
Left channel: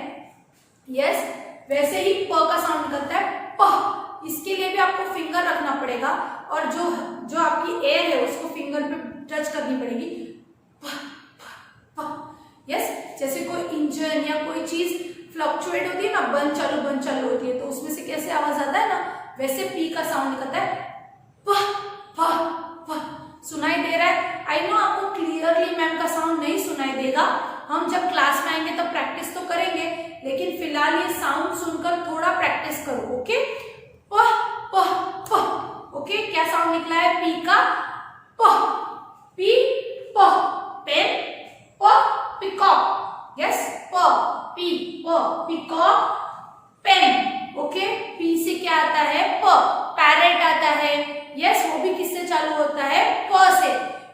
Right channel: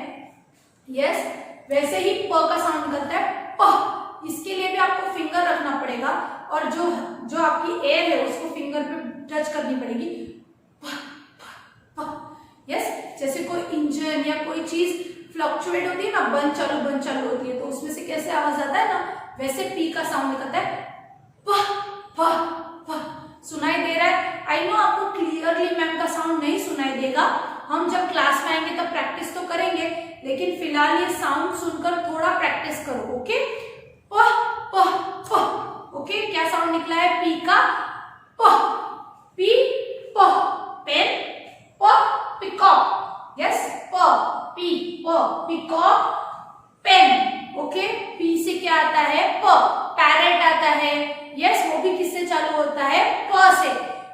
यस, वैसे ही प का साउंड निकलता है, प। इसके लिए भी आपको फिंगर रखना पड़ेगा और जो आपकी एयर है उसको फिंगर पे टच करनी पड़ेगी, प प प। यस, जैसे कोई इंजन या कोई चीज फ्लक्चुएट होती है ना, बंद चालू होती है, तो उसमें से कैसे आवाज आता है ना, वैसे पी का साउंड निकलता है, प प प। सुनाई दे रहा है, आई नो आपको क्लियरली मैम का साउंड नहीं सुनाई देगा, हम जब क्लास में आएंगे तब प्रैक्टिस तो करेंगे, लेकिन फिलहाल ये साउंड सुनकर थोड़ा प्रैक्टिस करो। ओके, प प प। ओके, क्या साउंड निकला है, पी का, प पी प पेन, प पिकॉक, यस प पी प पिकॉक पेन, ओके। पी से क्या आता है? प, पैरेट आता है, यस वो भी किससे चालू होता है? प से।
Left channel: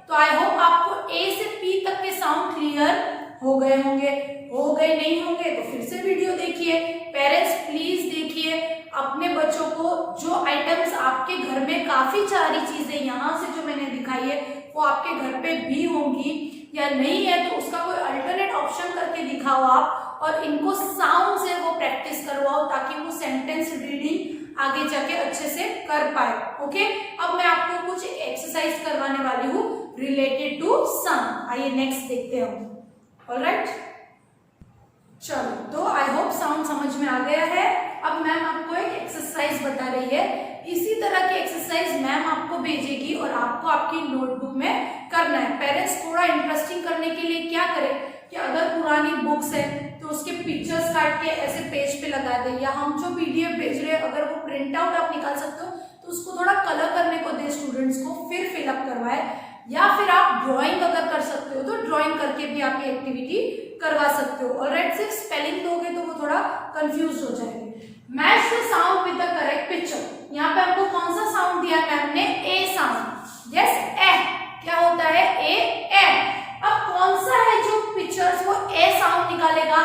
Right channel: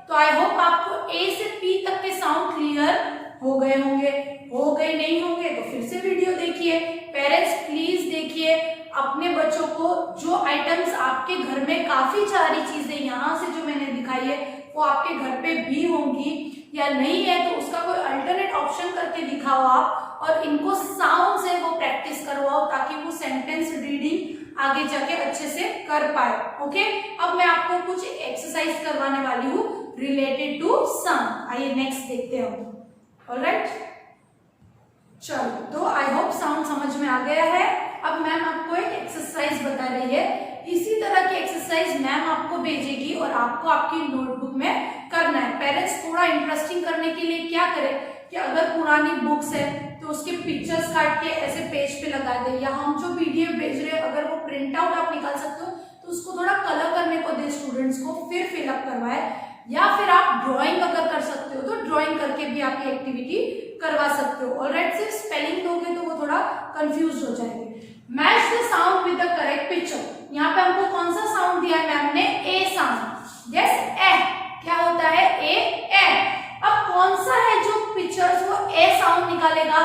तो आई होप आपको ए से पी तक के साउंड क्लियर हो गए होंगे। हो गए नहीं होंगे तो फिर से वीडियो देखिए। पेरेंट्स प्लीज देखिए अपने बच्चों को, जो आइटम्स आपके घर में काफी सारी चीजें यहाँ से जो मैंने दिखाई है वो आपके घर पे भी होंगी या नहीं है, तो उसका कोई अल्टरनेट ऑप्शन करके दिखाओ आप, और इनको साउंड से वो प्रैक्टिस करवाओ ताकि वो सेंटेंस रीडिंग आगे जाके अच्छे से कर पाए, ओके। अब मैं आपको कुछ एक्सरसाइज करवाने वाली हूँ रिलेटेड टू साउंड। आइए नेक्स्ट देखते हैं। ऑलराइट, चलो तो आई होप साउंड समझ में आ गया है। अब मैम आपको एक एक्सरसाइज बता रही है, इसी तरह की एक्सरसाइज मैम आपको भेजेगी और आपको आपकी नोटबुक में करना है। पेरेंट्स थोड़ा इंटरेस्टिंग करने के लिए क्या करें कि अगर पुरानी बुक्स है तो उसके पिक्चर्स काट के ऐसे पेज पे लगा दे, या हम जो पीडीएफ भेज रहे हैं अगर वो प्रिंट आउट आप निकाल सकते हो तो उसको थोड़ा कलर करने को दे स्टूडेंट्स को, फिर फिलअप करवाए, या फिर आप ड्राइंग अगर कर सकते हो तो ड्राइंग करके भी आप ये एक्टिविटी करवा सकते हो। ऑलराइट, सिर्फ स्पेलिंग दोगे तो वो थोड़ा कंफ्यूज हो जाएंगे। Match the sound with the correct picture. यहाँ पे हमको कौन सा साउंड दिया मैम ने? ए साउंड, यस ए। क्या होता है? ए। अब कौन सा है जो पिक्चर्स वो ए साउंड निकालेगा?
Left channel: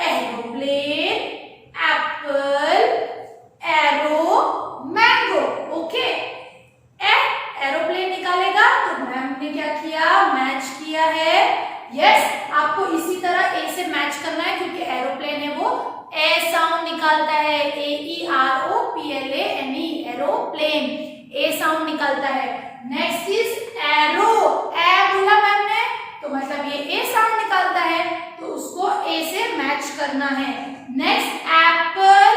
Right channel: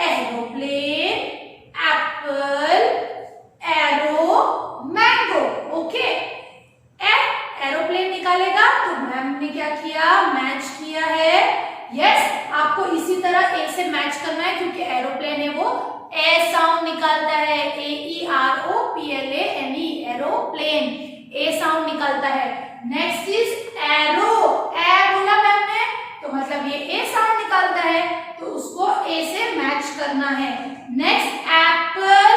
Aeroplane, Apple, arrow, mango, okay. Aeroplane निकालेगा तो मैम ने क्या किया? मैच किया है, यस। आपको इसी तरह ए से मैच करना है क्योंकि एरोप्लेन है वो ए साउंड निकालता है, AEROPLANE, एरोप्लेन ए साउंड निकालता है। नेक्स्ट इज एरो, ए बोला मैम ने तो मतलब ये ए साउंड निकालता है, तो उसको ए से मैच करना है। नेक्स्ट एप्पल,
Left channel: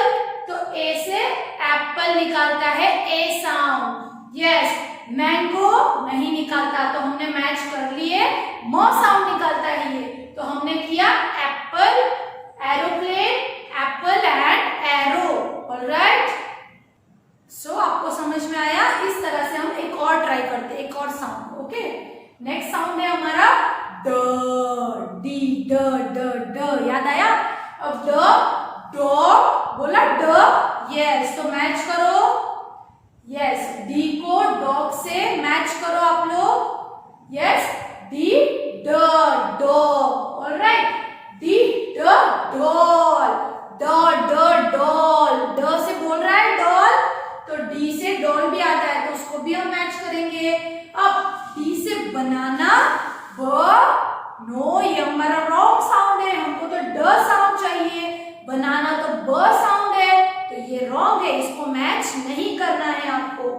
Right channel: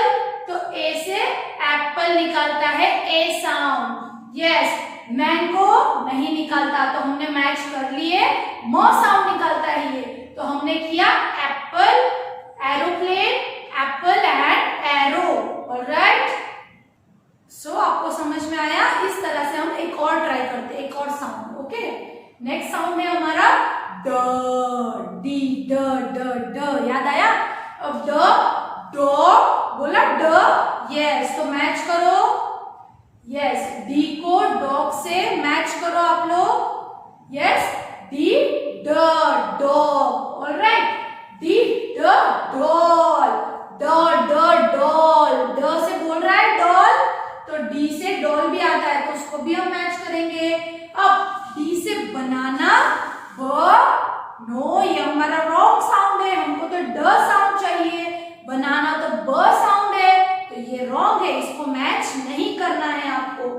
तो ए से एप्पल निकालता है ए साउंड, यस। मैंगो नहीं निकालता तो हमने मैच कर लिए, म साउंड निकालता है ये, तो हमने किया apple, aeroplane, apple and arrow. Alright, so आपको समझ में आया? इस तरह से हम एक और ट्राई करते हैं, एक और साउंड, ओके। नेक्स्ट साउंड है हमारा ड, डी, ड, ड, ड, याद आया? अब ड, डॉग बोला ड, यस, तो मैच करो, यस। डी को डॉग से मैच करो आप लोग, यस। डी ड डॉग, ऑलराइट। डी ड डॉल, ड ड डॉल, ड से बोल रहा है डॉल तो डी से डॉल भी आता है तो उसको भी हम मैच करेंगे। अब डी से बनाना, ब, नो, ये हमारा रॉन्ग साउंड है, हमको तो ड साउंड चाहिए। बनाना तो ब साउंड है तो ये रॉन्ग है, इसको मैच नहीं करना है आपको।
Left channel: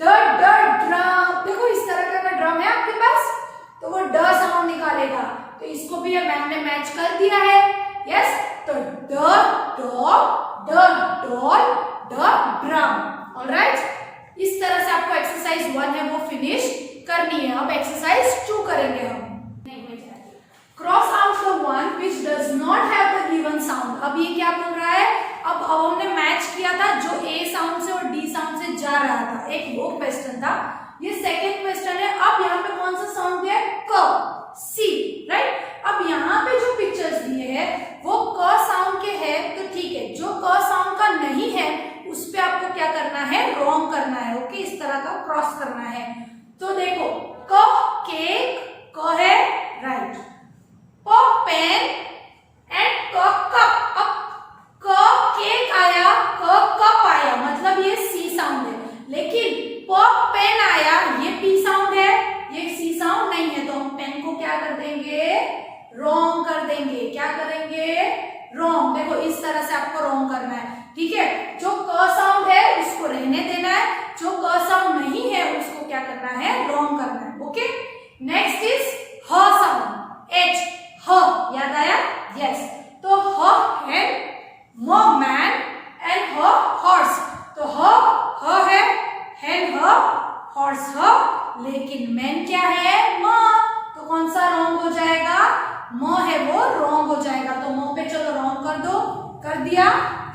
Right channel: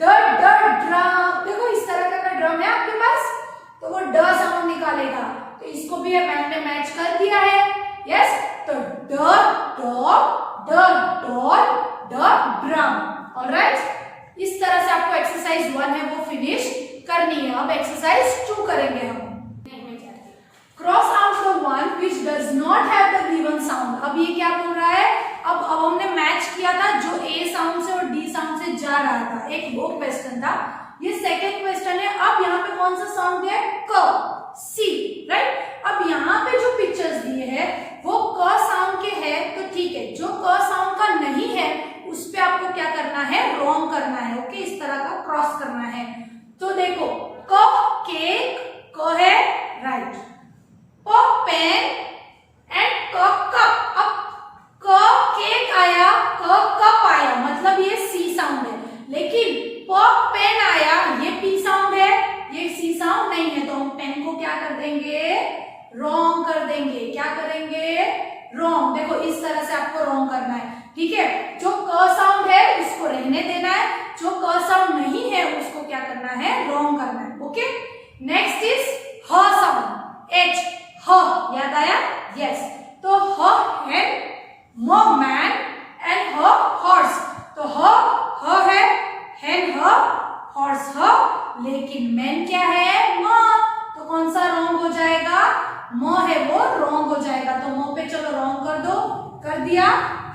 ड ड ड्रम, देखो इस तरह का ड्रम है आपके पास तो वो ड साउंड निकालेगा, तो इसको भी मैम ने मैच कर दिया है, यस। तो ड डॉग, ड डॉल, ड ड्रम। ऑलराइट, इस तरह से आपको एक्सरसाइज 1 है वो फिनिश करनी है। अब एक्सरसाइज 2 करेंगे हम। Cross out the one which does not have the given sound. अब ये क्या बोल रहा है? अब हमने मैच किया था जो ए साउंड से और डी साउंड से जा रहा था, एक वो क्वेश्चन था। ये सेकंड क्वेश्चन है। अब यहाँ पे कौन सा साउंड है? क, सी, राइट। अब यहाँ पे जो पिक्चर्स दिए हैं वो क साउंड के हैं तो ठीक है, जो क साउंड का नहीं है उस पे आपको क्या करना है? रॉन्ग करना है, ओके। इस तरह का क्रॉस करना है। तो देखो क केक, क है, राइट। प पेन एंड क कप। अब क केक आया, क कप आया, मतलब ये सी साउंड है। लेकिन प पेन आया, ये पी साउंड है, ये सी साउंड नहीं है, तो हम पेन को क्या कर देंगे? रॉन्ग कर देंगे। क्या करेंगे? रॉन्ग। देखो इस तरह से आपको रॉन्ग करना है, ठीक है। जो क साउंड है उसको रहने देना है, जो क साउंड नहीं है उसको क्या करना है? रॉन्ग करना है, ओके। नेक्स्ट इज ह साउंड, एच, ह, याद आया? यस। तो ह है म मैन एंड ह हॉर्स, तो ह है, हैन ह, हॉर्स ह, लेकिन मैन क्या है? म, तो कौन सा रॉन्ग हो जाएगा? म है वो रॉन्ग हो जाएगा, तो म पे चलो रॉन्ग कर दो। कर दिया,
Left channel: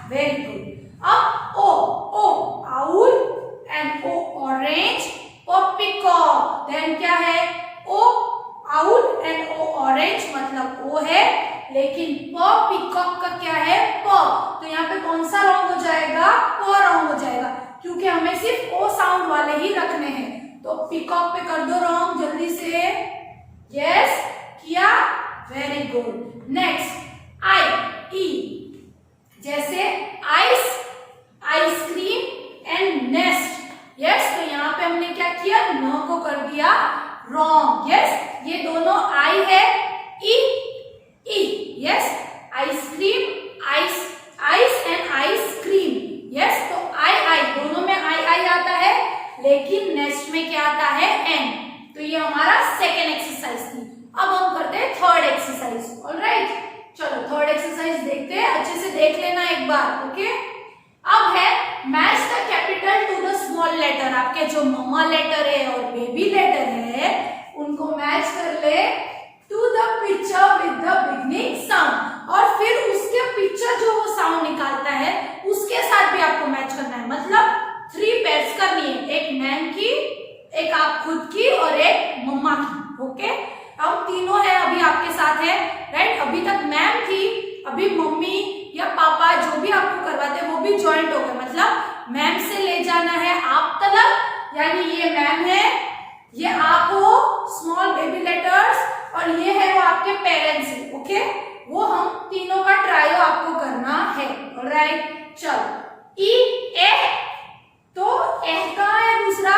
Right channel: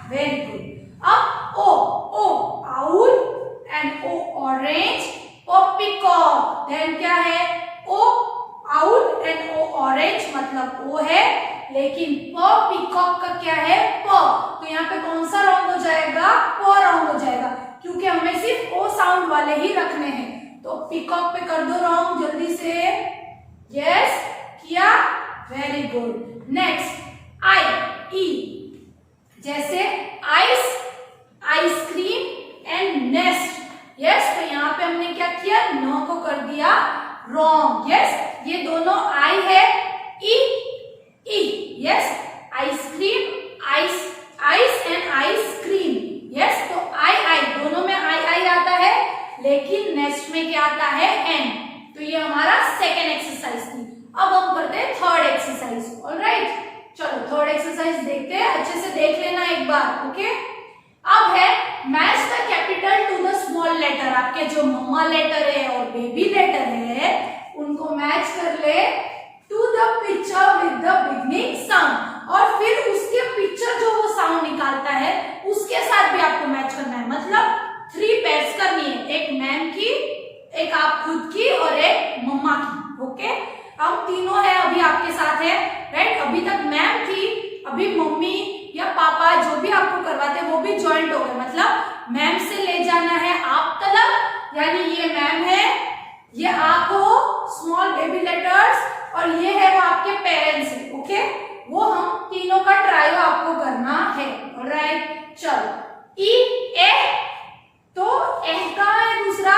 वेरी गुड। अब O owl and O orange, O peacock, then क्या है? O owl and O orange मतलब ओ है, लेकिन प पीकॉक का क्या है प, तो यहाँ पे कौन सा रॉन्ग हो जाएगा, प रॉन्ग हो जाएगा, क्योंकि हमें सिर्फ ओ साउंड वाले ही रखने हैं। तो पीकॉक पे कर दो रॉन्ग जल्दी से, यस किया, वेरी गुड। नेक्स्ट आई ई, जैसे ice, ice cream and nest, yes, तो यहाँ पे हमने क्या किया, नो को कर दिया रॉन्ग, यस, ये दोनों आई है, ई ई, yes, ice cream, ice and ice cream, yes, तो आई दोनों में आई आता है, लेकिन नेक्स्ट में क्या आता है, एन, तो ये हमारा सेकेंड एक्सरसाइज थी। अब हम करते हैं थर्ड एक्सरसाइज, ऑलराइट, चलो थर्ड एक्सरसाइज देखते हैं, अच्छे से देख लेना एक बार, ओके। अब है match the capital to the small letter, आपके जो मम्मा लेटर है और बेबी लेटर है उनको मैच कर ले to the picture with the beginning sound, और फिर उसके पिक्चर जो वो साउंड निकालता है उसके साथ भी आपको मैच करना है, मतलब 3 पेयर्स करनी है, एक मैम की, एक आप खुद की और एक मम्मा की, ओके। अब तीनों है अभी आपके साथ है, राइट, अभी तक मैम थी, अभी मम्मी या पापा जो भी आपको करवाते हैं वो भी ज्वाइंट हो गए, मतलब मैम से ले जाना है आप तलक, यानी ये मैम है, ये आप हो स्मॉल बेबी लेटर्स, और ये है वो आपके पेरेंट्स है, ओके। वो हम तीनों का ट्रायो आपको करना है, ऑलराइट। चलो ई ए, तो ए कहाँ है दूसरा,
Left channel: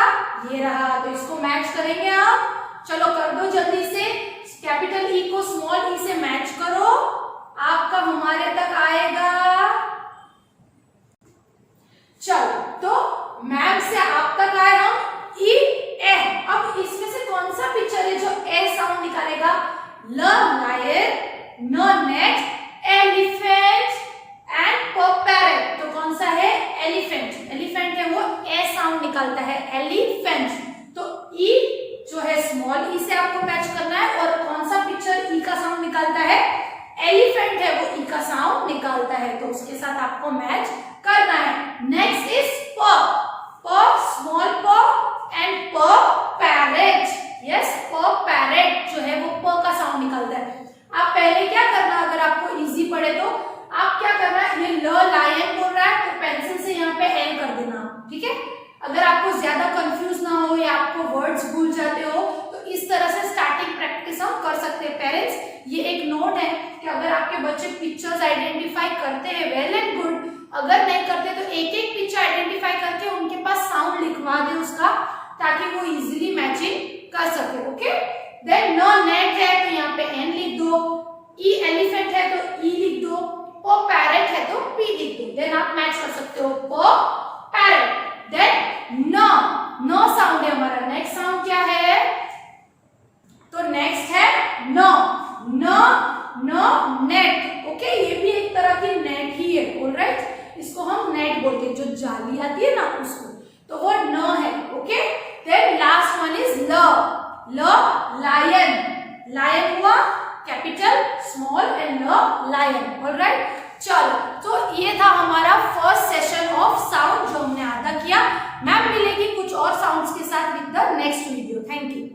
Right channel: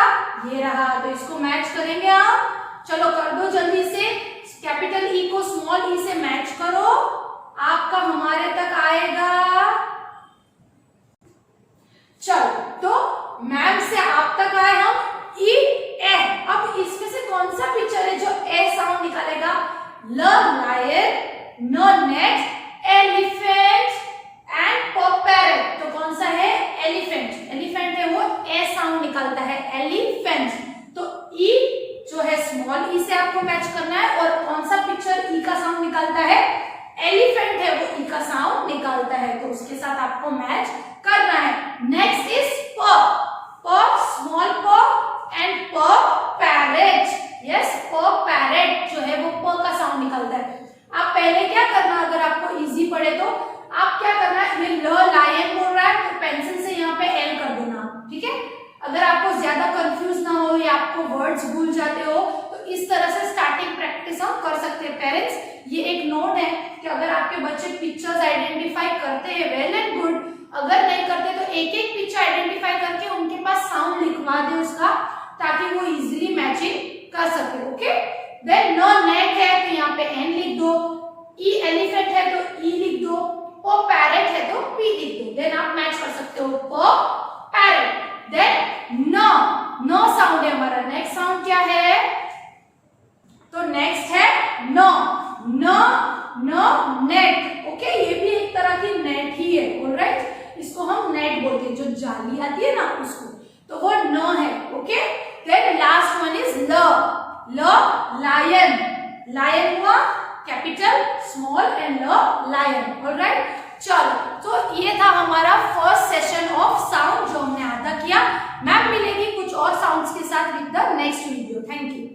ये रहा, तो इसको मैच करेंगे आप, चलो कर दो जल्दी से, कैपिटल ई को स्मॉल ई से मैच करो, आपका हमारे तक आएगा, चलो तो मैम से आप तक आए हम ई ए, अब इसमें से कौन सा पिक्चर है जो ए साउंड निकालेगा, ल लायन, न नेट, एलिफेंट एंड प पैरेट, तो कौन सा है, एलिफेंट, एलिफेंट है वो ए साउंड निकालता है, एलिफेंट, तो ई जो है स्मॉल ई से आपको मैच करना है, और कौन सा पिक्चर ई का साउंड निकालता है, एलिफेंट है वो ई का साउंड निकालता है, तो उसके साथ आपको मैच करना है। नेक्स्ट इज प, प स्मॉल प एंड प पैरेट, यस, प पैरेट जो है वो प का साउंड निकालता है। आप पहले क्या करना, अगर आपको इजी पड़े तो आप क्या करना है, ये ल लायन बोल रहा है तो पेंसिल से यहाँ पे एल कर देना, ठीक है। अगर आपको ज्यादा कंफ्यूज ना हो या आपको वर्ड्स भूल जाते हो तो इस तरह से स्टार्टिंग प्रैक्टिस हम कर सकते हैं। पेरेंट्स ये एक नोट है कि अगर आपके बच्चे पिक्चर्स आइडेंटिफाई करते हैं वेल एंड गुड, अगर नहीं करते तो एक एक पिक्चर आइडेंटिफाई करके उनके पास साउंड लिखवा दे उसका, ताकि वो इजीली मैचिंग कर सके, ओके। देन न नेट है तो यहाँ पे एन लिख दो, ई एलिफेंट है तो ई लिख दो, प पैरेट है तो पी लिख दो, देन आप मैच कर सकते हो प पैरेट। देन न साउंड है हमारा, नेक्स्ट साउंड क्या है, तो नेक्स्ट है न नेट, ओके, ये भी एक तरह की नेट ही है, ऑलराइट, इसको हम नेट बोलते हैं, जो जाली आती है ना उसको, तो वो न है, okay. Then last one is ल लायन, लायन हुआ कैपिटल स्मॉल एंड ल लायन, ऑलराइट। चलो तो ये था हमारा फर्स्ट सेशन ऑफ साउंड जो हमने आधा किया। मैम मिलेगी कुछ और साउंड्स के साथ with the next video. Thank you.